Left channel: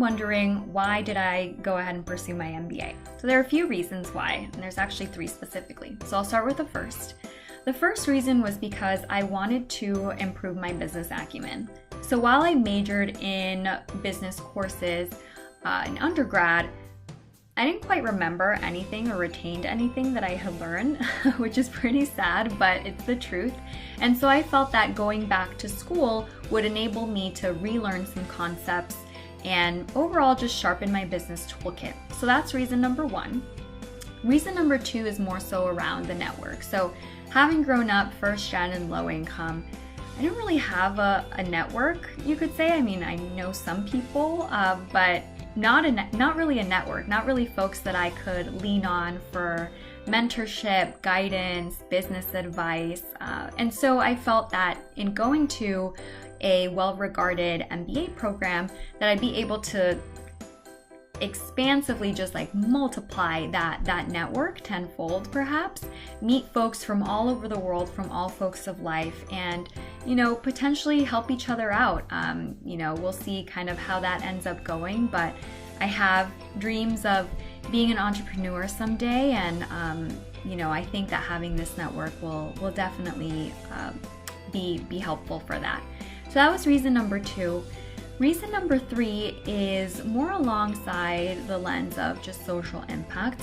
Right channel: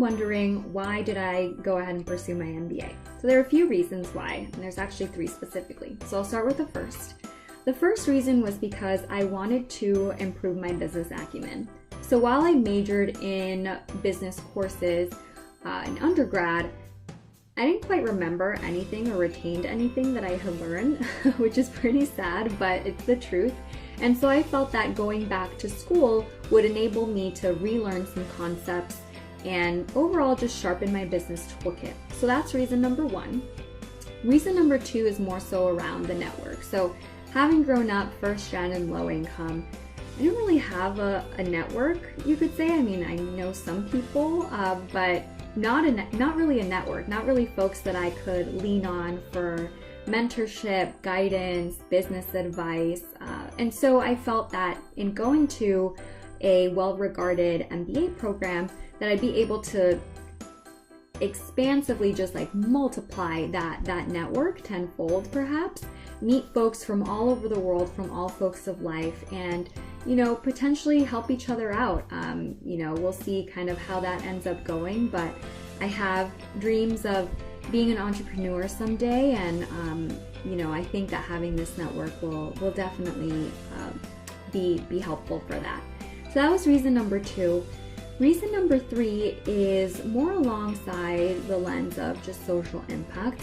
wondering, why did I go ahead and pursue my MBA? So there are a few reasons why, and there's actually 3 specifically. So I'll start with the first. The first reason was because I wanted to improve my business acumen. So while I majored in business courses in undergrad, I didn't quite remember anything or retained anything that I had learned, which is pretty sad, but it's the truth. And so I felt that going back to school would enable me to relearn some concepts and overall just sharpen my business toolkit. So that's reason number 1. Reason number 2 is more so around the network. So having grown up first gen and low income, I didn't really have a network, you could say. I mean, I know some people, but not really a network, not really folks that I could lean on for mentorship, guidance, business advice. And so I felt that in going to a well-regarded MBA program, that I'd be able to expansively just like multiply that network tenfold, perhaps, meet folks from all over the world, from all folks of life, and potentially help each other out. We'll see kind of how that ends up going, but I have dreams of being an entrepreneur someday, and I think that having this network will definitely be helpful for that. So that was reason number 2. Reason number 3 is more alongside the lens of just social impact.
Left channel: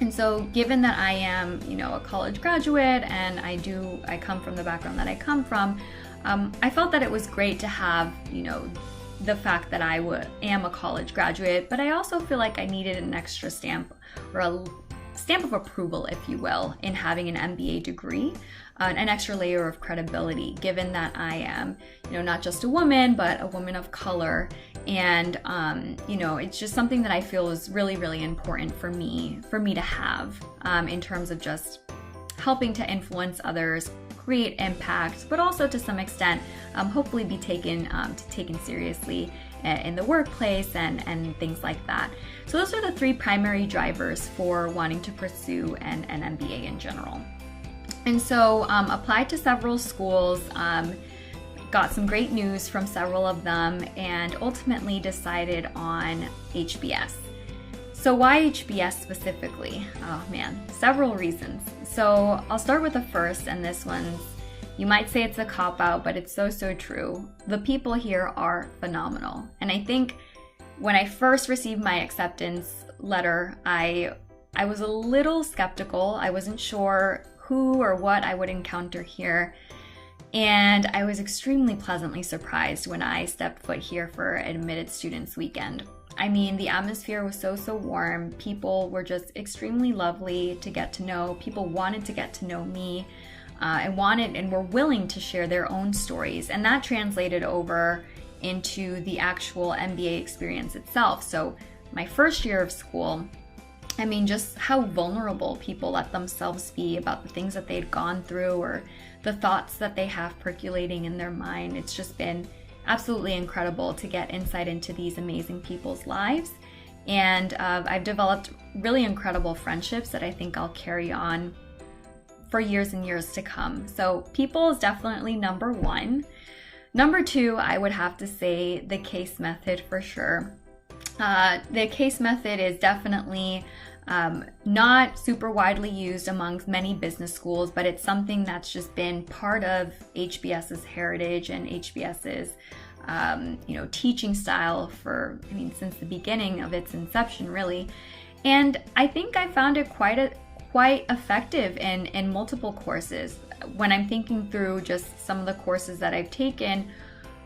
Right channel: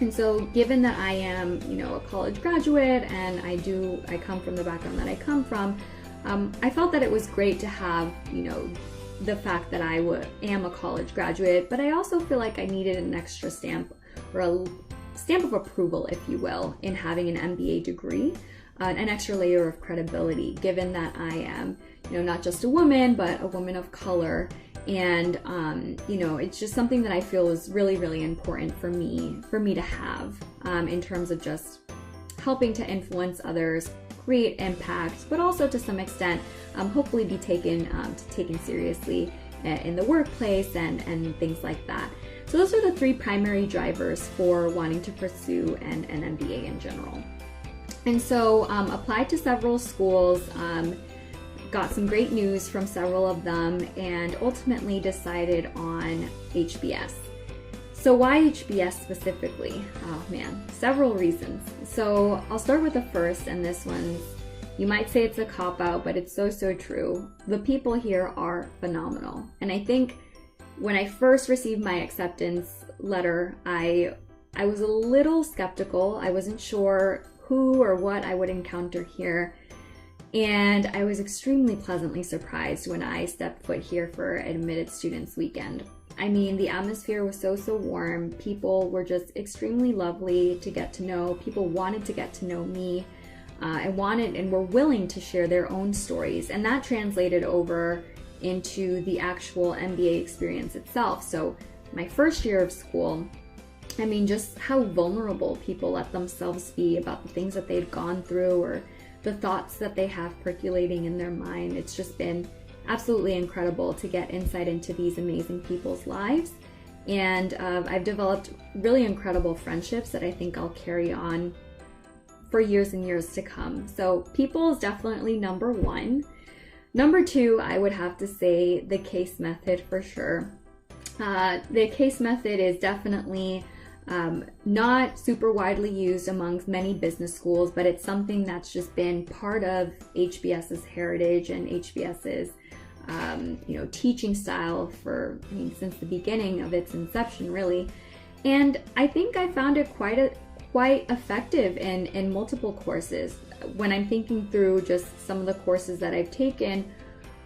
And so given that I am, a college graduate, and I come from the background that I come from, I felt that it was great to have, the fact that I am a college graduate, but I also feel like I needed an extra stamp, or a stamp of approval, if you will, in having an MBA degree, an extra layer of credibility, given that I am, not just a woman, but a woman of color. And, it's just something that I feel is really, really important for me to have, in terms of just helping to influence others, create impact, but also to some extent, hopefully be taken seriously in the workplace and things like that. So those are the 3 primary drivers for wanting to pursue an MBA in general. And so applied to several schools, got some great news from several of them, and ultimately decided on HBS. So why HBS specifically? Oh man, several reasons. So I'll start with the first, and this one's, you might say it's a cop-out, but it's so true. The people here are phenomenal. And I think when I first received my acceptance letter, I was a little skeptical. I wasn't sure who or what I would encounter here. And I was extremely pleasantly surprised when I stepped foot here for Admitted Students Weekend. I mean, the atmosphere was so warm. People were just extremely lovely to get to know. People wanted to get to know me, and were willing to share their own stories. And that translated over into the actual MBA experience itself. So my first year of school, I mean, just how vulnerable people let themselves be about the things that they'd gone through, or the thoughts that they have percolating in their mind. It's just been absolutely incredible to get insight into these amazing people's lives. And I've developed really incredible friendships that I think I'll carry on for years and years to come. So people is definitely number 1. Number 2, I would have to say the case method for sure. The case method is definitely not super widely used amongst many business schools, but it's something that's just been part of HBS's heritage and HBS's teaching style since the beginning of its inception, really. And I think I found it quite effective in multiple courses. When I'm thinking through just some of the courses that I've taken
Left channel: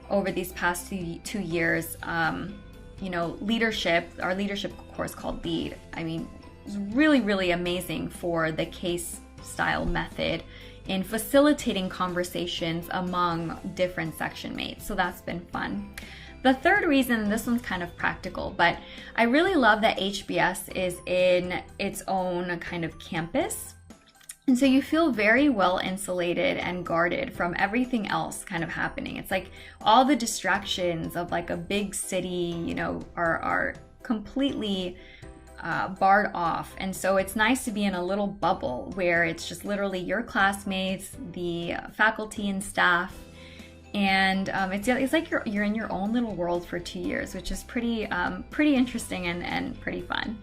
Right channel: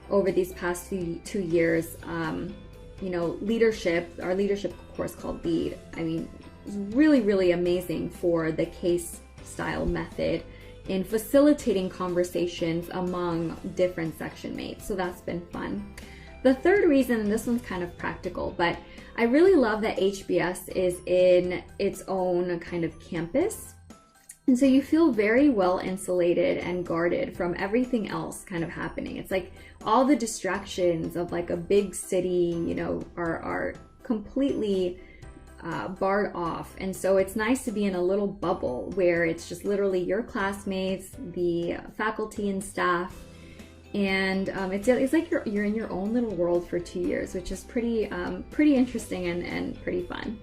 over these past 2 years, leadership, our leadership course called Lead, I mean, it was really amazing for the case style method in facilitating conversations among different section mates. So that's been fun. The third reason, and this one's kind of practical, but I really love that HBS is in its own kind of campus. And so you feel very well insulated and guarded from everything else kind of happening. It's like all the distractions of like a big city, are completely barred off. And so it's nice to be in a little bubble where it's just literally your classmates, the faculty and staff, and it's like you're in your own little world for 2 years, which is pretty interesting and pretty fun.